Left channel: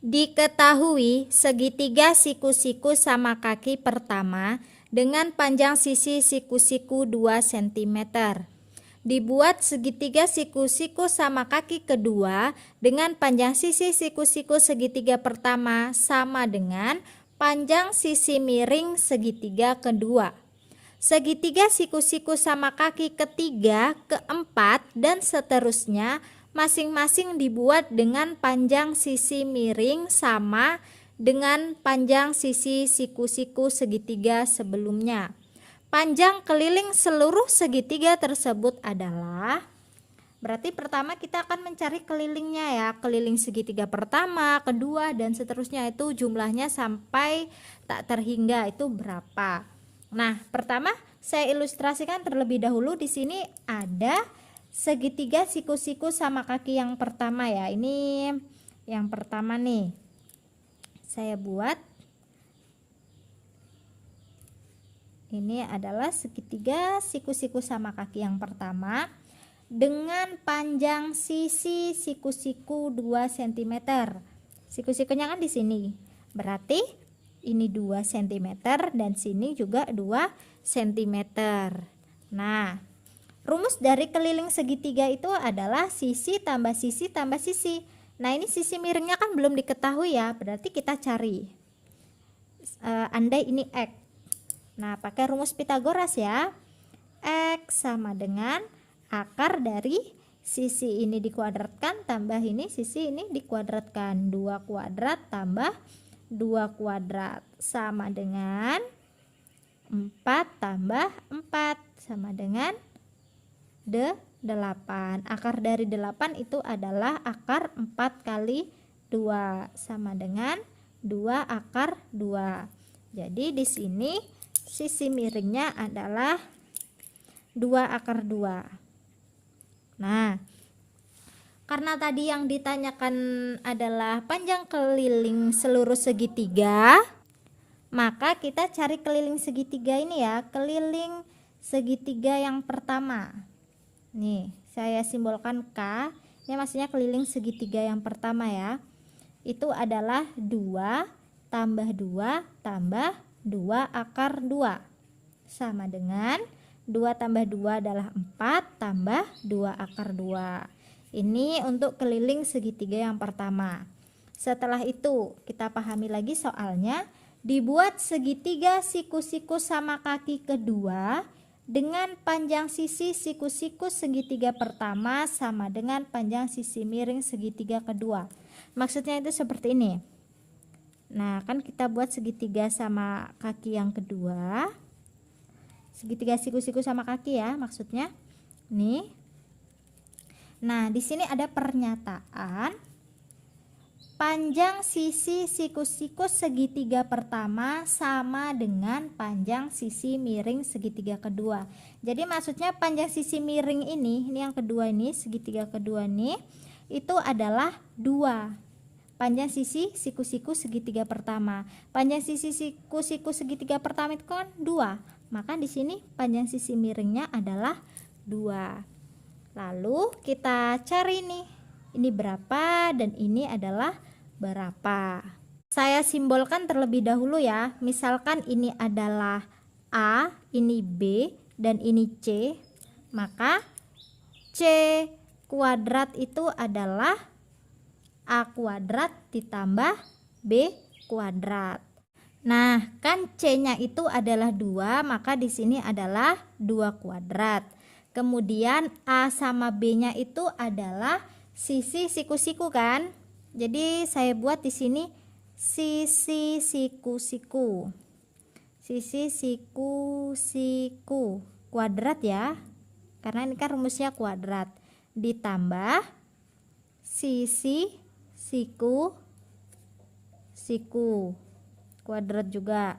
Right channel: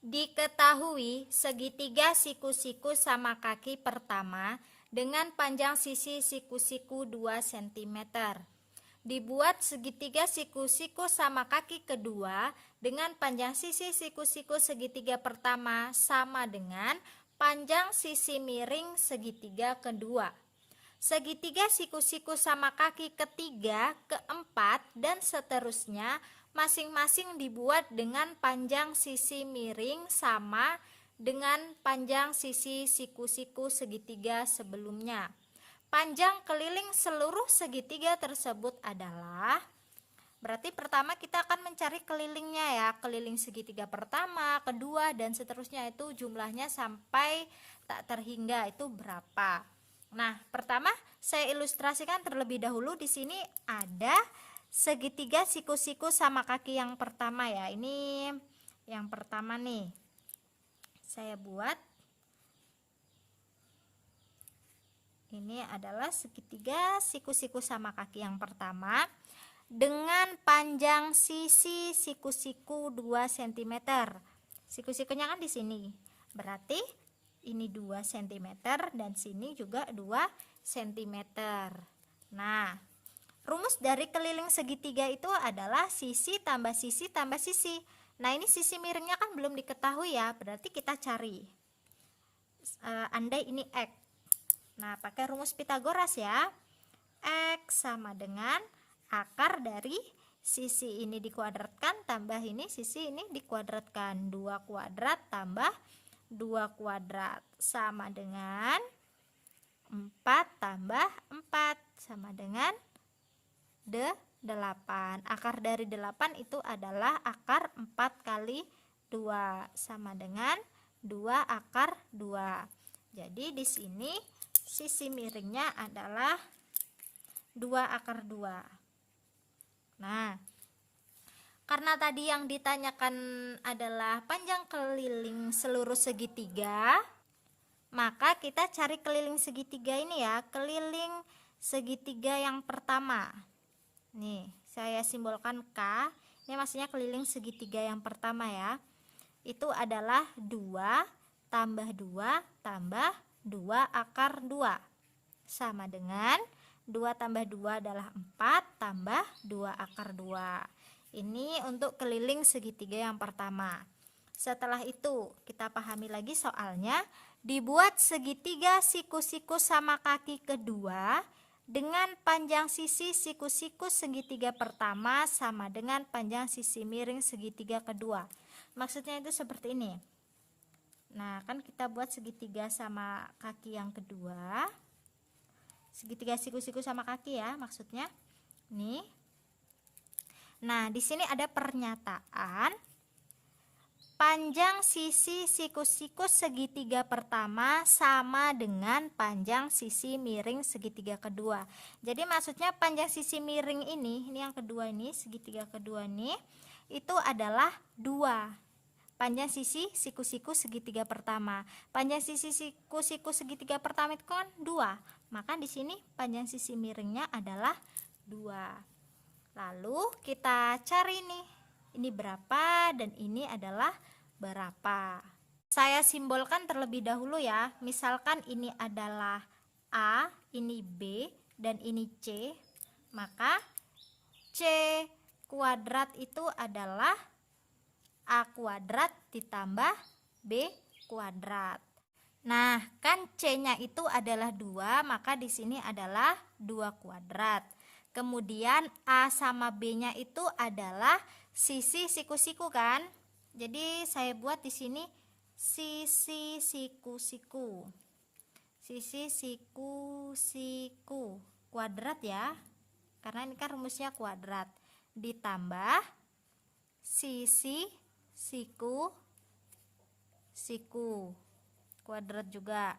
Diketahui segitiga siku-siku sama kaki pertama dengan panjang sisi siku-siku 2 cm. Dibuat segitiga siku-siku sama kaki kedua dengan panjang sisi siku-siku segitiga pertama sama dengan panjang sisi miring segitiga kedua. Segitiga siku-siku sama kaki ketiga, keempat, dan seterusnya masing-masing dibuat dengan panjang sisi miring sama dengan panjang sisi siku-siku segitiga sebelumnya. Panjang keliling seluruh segitiga tersebut adalah, berarti pertama kita akan mencari kelilingnya ya, keliling segitiga pertama, kedua, dan seterusnya, itu jumlahnya sampai tak terhingga itu berapa. Nah, pertama saya ilustrasikan terlebih dahulu. Di sini ada segitiga siku-siku sama kaki yang pertama ya. Ini yang pertama nih. Saya buat. Ini adalah segitiga siku-siku sama kaki yang pertama dengan panjang sisi siku-siku 2 cm. Siku-sikunya kan di sini. Berarti ini 2 cm dan sini juga 2 cm. Nah, rumus dari keliling segitiga itu adalah sisi tambah sisi tambah sisi. Nah, ini sisi miringnya kan belum diketahui ya, berarti kita cari. Andai ini X. Nah, pakai rumus Pitagoras ya. X sama dengan akar dari sisi ini dikuadratkan tambah ini, sisi ini dikuadratkan. 2 kuadrat tambah 2 kuadrat sama dengan 4 tambah 4 sama dengan 8. Akar dari 8 itu adalah akar 4 kali 2 sama dengan 2 akar 2. Jadi di sini sisi miringnya adalah 2 akar 2. Nah, karena tadi yang ditanyakan adalah panjang keliling seluruh segitiga, maka kita cari keliling segitiga ini ya, keliling segitiga yang pertama. Nih, saya simbolkan K. Ini maksudnya keliling segitiga yang pertama ya. Itu adalah 2 tambah 2 tambah 2 akar 2 sama dengan 2 tambah 2 adalah 4 tambah 2 akar 2. Ini untuk keliling segitiga yang pertama. Setelah itu kita pahami lagi soalnya. Dibuat segitiga siku-siku sama kaki kedua dengan panjang sisi siku-siku segitiga pertama sama dengan panjang sisi miring segitiga kedua. Maksudnya itu seperti ini. Nah, kan kita buat segitiga sama kaki yang kedua. Segitiga siku-siku sama kaki ya maksudnya. Nih. Nah, di sini ada pernyataan panjang sisi siku-siku segitiga pertama sama dengan panjang sisi miring segitiga kedua. Jadi maksudnya panjang sisi miring ini yang kedua ini, segitiga kedua ini, itu adalah 2. Panjang sisi siku-siku segitiga pertama. Panjang sisi siku-siku segitiga pertama itu kan 2. Maka di sini panjang sisi miringnya adalah 2. Lalu kita cari nih, ini berapa dan ini adalah berapa. Saya simbolkan terlebih dahulu ya. Misalkan ini adalah A, ini B, dan ini C. Maka C kuadrat itu adalah A kuadrat ditambah B kuadrat. Nah, kan C-nya itu adalah 2, maka di sini adalah 2 kuadrat. Kemudian A sama B-nya itu adalah sisi siku-siku kan? Jadi saya buat di sini sisi siku-siku. Sisi siku-siku kuadrat ya. Karena ini kan rumusnya kuadrat. Ditambah sisi siku-siku kuadrat juga.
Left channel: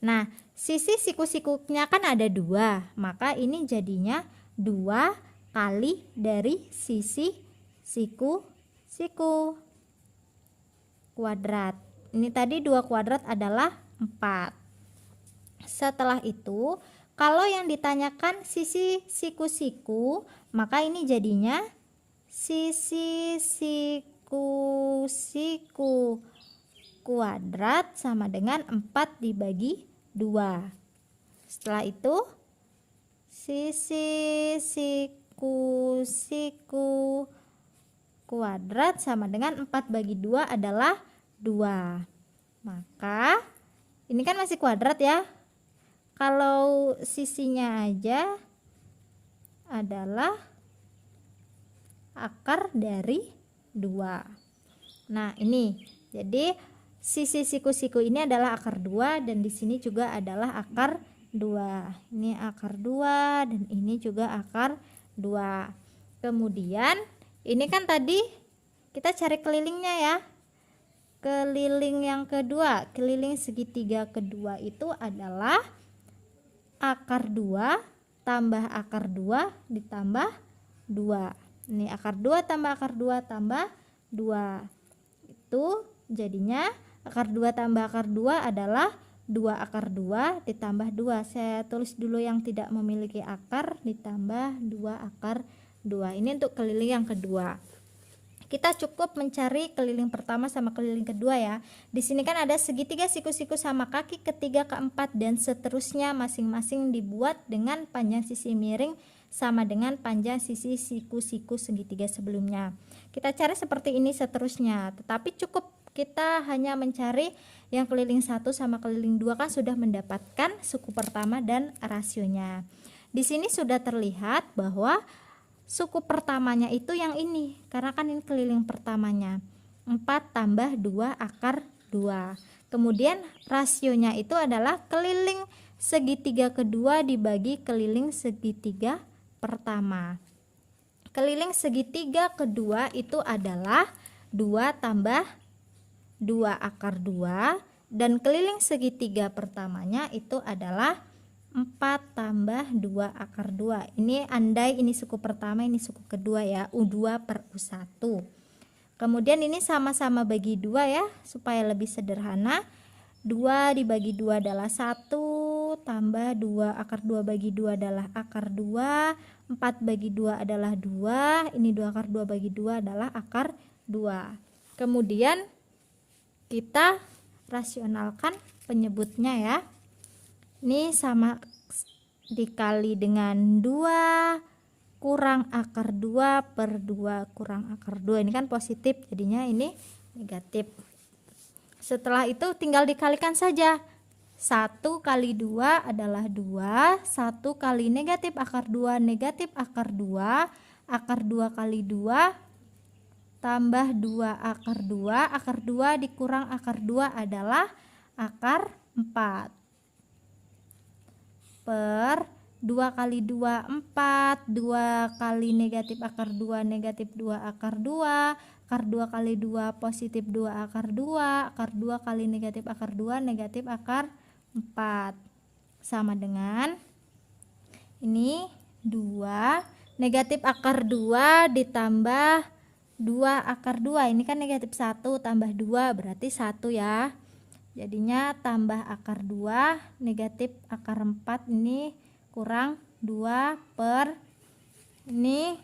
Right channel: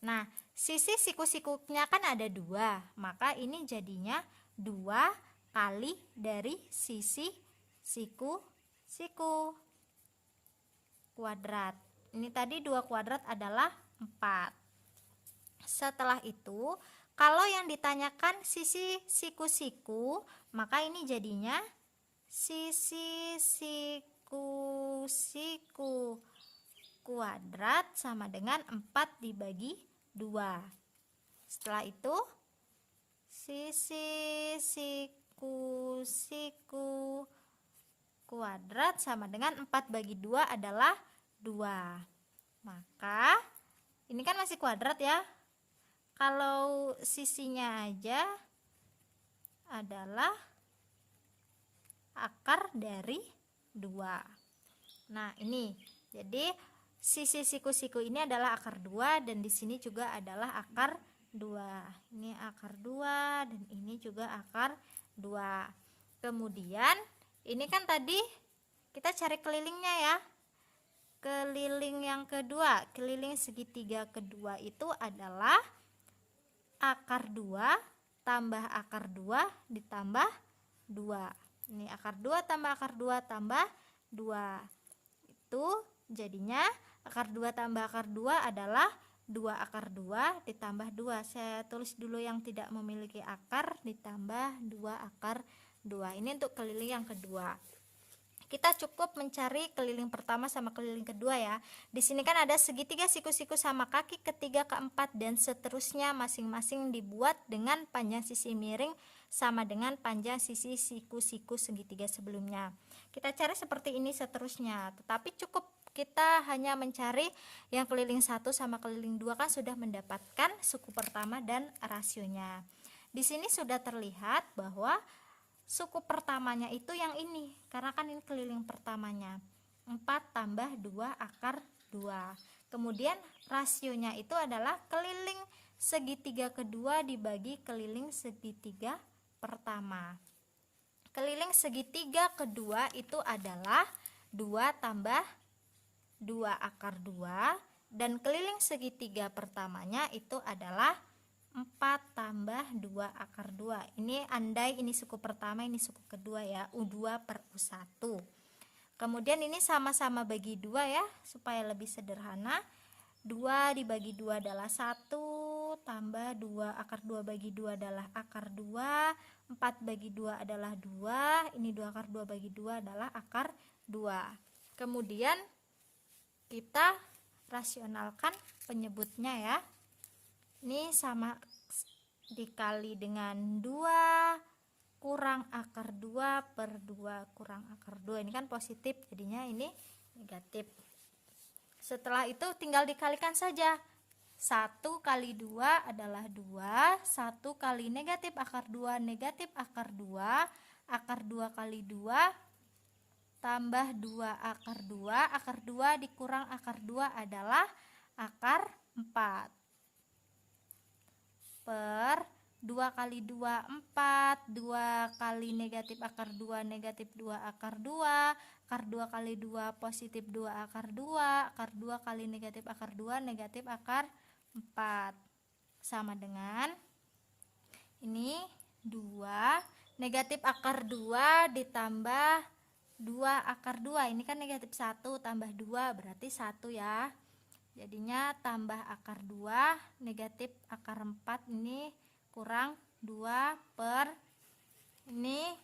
Nah, sisi siku-sikunya kan ada 2, maka ini jadinya 2 kali dari sisi siku-siku kuadrat. Ini tadi 2 kuadrat adalah 4. Setelah itu, kalau yang ditanyakan sisi siku-siku, maka ini jadinya sisi siku siku kuadrat sama dengan 4 dibagi 2. Setelah itu sisi siku kuadrat sama dengan 4 bagi 2 adalah 2. Maka ini kan masih kuadrat ya. Kalau sisinya aja adalah akar dari 2. Nah, ini. Jadi sisi siku-siku ini adalah akar 2 dan di sini juga adalah akar 2. Ini akar 2 dan ini juga akar 2. Kemudian ini kan tadi kita cari kelilingnya ya. Keliling yang kedua, keliling segitiga kedua itu adalah akar 2 tambah akar 2 ditambah 2. Ini akar 2 tambah akar 2 tambah 2. Itu jadinya akar 2 tambah akar 2 adalah 2 akar 2 ditambah 2. Saya tulis dulu yang tidak memiliki akar ditambah 2 akar 2. Ini untuk keliling yang kedua. Kita cukup mencari keliling pertama sama keliling kedua ya. Di sini kan ada segitiga siku-siku sama kaki ketiga, keempat dan seterusnya masing-masing dibuat dengan panjang sisi miring sama dengan panjang sisi siku-siku segitiga sebelumnya. Kita cari seperti ini seterusnya. Tetapi cukup kita hanya mencari yang keliling 1 sama keliling 2 kan sudah mendapatkan suku pertama dan rasionya. Di sini sudah terlihat bahwa suku pertamanya itu yang ini, karena kan ini keliling pertamanya 4 tambah 2 akar 2. Kemudian rasionya itu adalah keliling segitiga kedua dibagi keliling segitiga pertama. Keliling segitiga kedua itu adalah 2 tambah 2 akar 2 dan keliling segitiga pertamanya itu adalah 4 tambah 2 akar 2. Ini andai ini suku pertama, ini suku kedua ya, U2 per U1. Kemudian ini sama-sama bagi 2 ya, supaya lebih sederhana. 2 dibagi 2 adalah 1 tambah 2 akar 2 bagi 2 adalah akar 2. 4 bagi 2 adalah 2. Ini 2 akar 2 bagi 2 adalah akar 2. Kemudian kita rasionalkan penyebutnya ya. Ini sama dikali dengan 2 kurang akar 2 per 2 kurang akar 2. Ini kan positif, jadinya ini negatif. Setelah itu tinggal dikalikan saja. 1 kali 2 adalah 2. 1 kali negatif akar 2 negatif akar 2. Akar 2 kali 2 tambah 2 akar 2. Akar 2 dikurang akar 2 adalah akar 4. Per 2 kali 2 4, 2 kali negatif akar 2 negatif 2 akar 2, akar 2 kali 2 positif 2 akar 2, akar 2 kali negatif akar 2 negatif akar 4 sama dengan ini 2 negatif akar 2 ditambah 2 akar 2. Ini kan negatif 1 tambah 2 berarti 1 ya. Jadinya tambah akar 2 negatif akar 4 ini kurang 2 per ini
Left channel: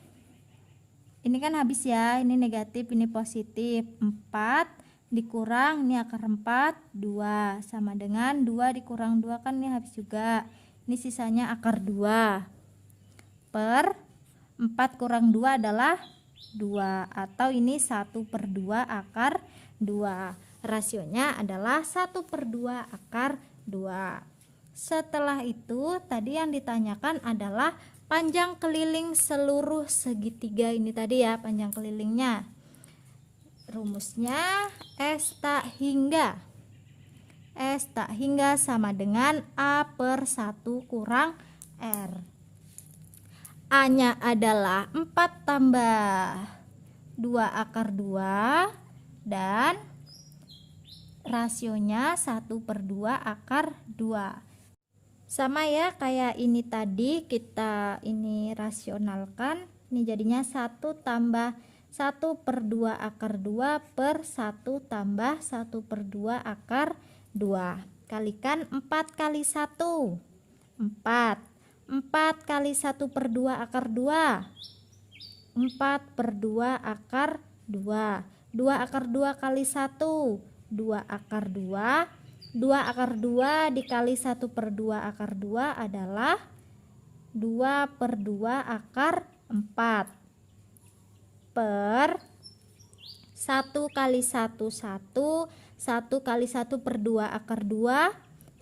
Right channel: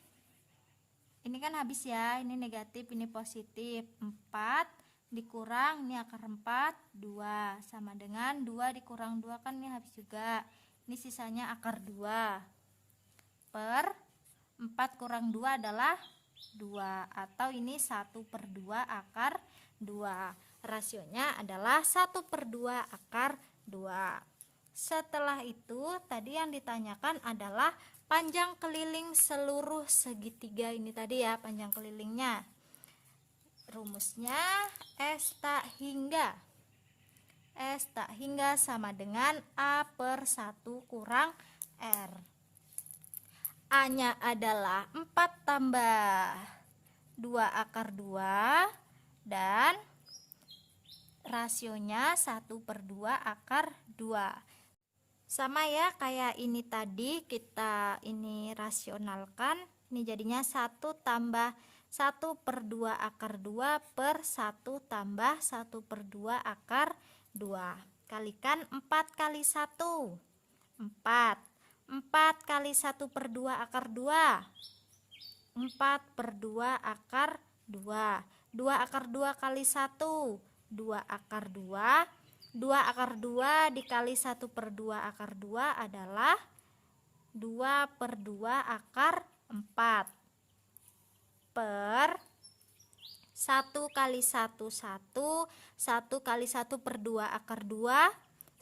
kan habis ya, ini negatif ini positif 4 dikurang ini akar 4 2 sama dengan 2 dikurang 2 kan ini habis juga, ini sisanya akar 2 per 4 kurang 2 adalah 2 atau ini 1 per 2 akar 2. Rasionya adalah 1 per 2 akar 2. Setelah itu tadi yang ditanyakan adalah panjang keliling seluruh segitiga ini tadi ya, panjang kelilingnya. Rumusnya S tak hingga sama dengan A per 1 kurang R. A nya adalah 4 tambah 2 akar 2 dan rasionya 1 per 2 akar 2. Sama ya kayak ini tadi, kita ini rasionalkan. Ini jadinya 1 tambah 1 per 2 akar 2 per 1 tambah 1 per 2 akar 2. Kalikan 4 kali 1 4 4 kali 1 per 2 akar 2 4 per 2 akar 2. 2 akar 2 kali 1, 2 akar 2. 2 akar 2 dikali 1 per 2 akar 2 adalah 2 per 2 akar 4 per 1 kali 1 1, 1 kali 1 per 2 akar 2,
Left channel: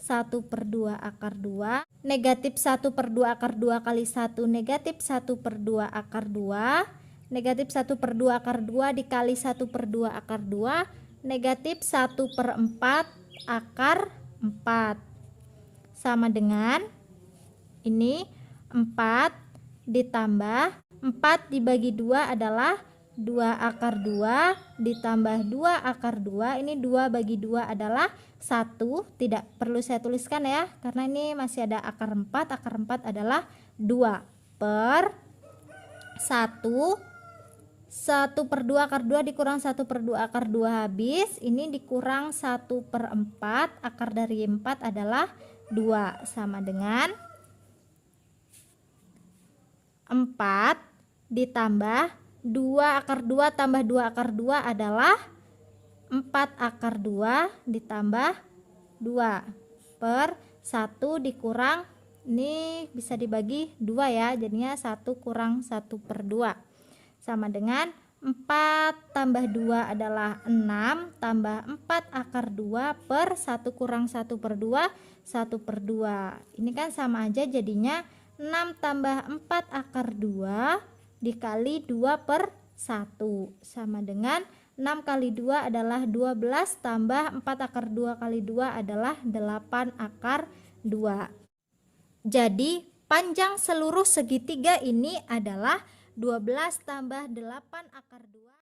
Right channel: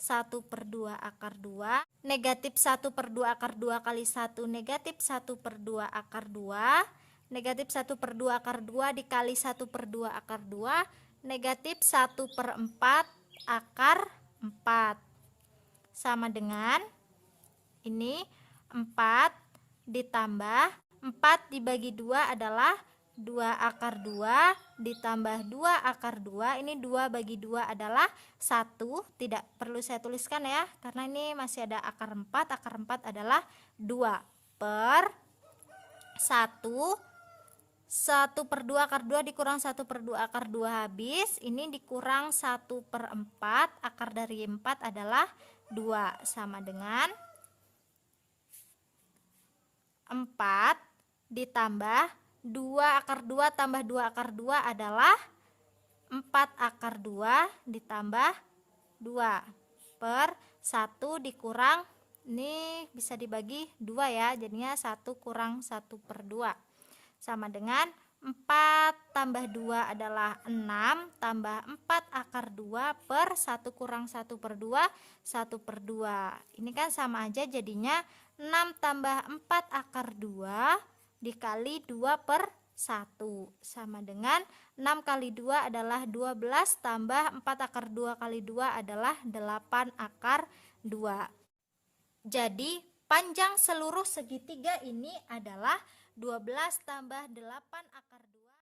1 per 2 akar 2, negatif 1 per 2 akar 2 kali 1, negatif 1 per 2 akar 2, negatif 1 per 2 akar 2 dikali 1 per 2 akar 2, negatif 1 per 4 akar 4, sama dengan ini 4 ditambah 4 dibagi 2 adalah 2 akar 2 ditambah 2 akar 2. Ini 2 bagi 2 adalah 1, tidak perlu saya tuliskan ya, karena ini masih ada akar 4. Akar 4 adalah 2 per 1. 1 per 2 akar 2 dikurang 1 per 2 akar 2 habis. Ini dikurang 1 per 4, akar dari 4 adalah 2, sama dengan 4 ditambah 2 akar 2 tambah 2 akar 2 adalah 4 akar 2 ditambah 2 per 1 dikurang, ini bisa dibagi 2 ya, jadinya 1 kurang 1 per 2, sama dengan 4 tambah 2 adalah 6 tambah 4 akar 2 per 1 kurang 1 per 2, 1 per 2. Ini kan sama aja, jadinya 6 tambah 4 akar 2 dikali 2 per 1, sama dengan 6 kali 2 adalah 12 tambah 4 akar 2 kali 2 adalah 8 akar 2. Jadi panjang seluruh segitiga ini adalah 12 tambah 8 akar 2.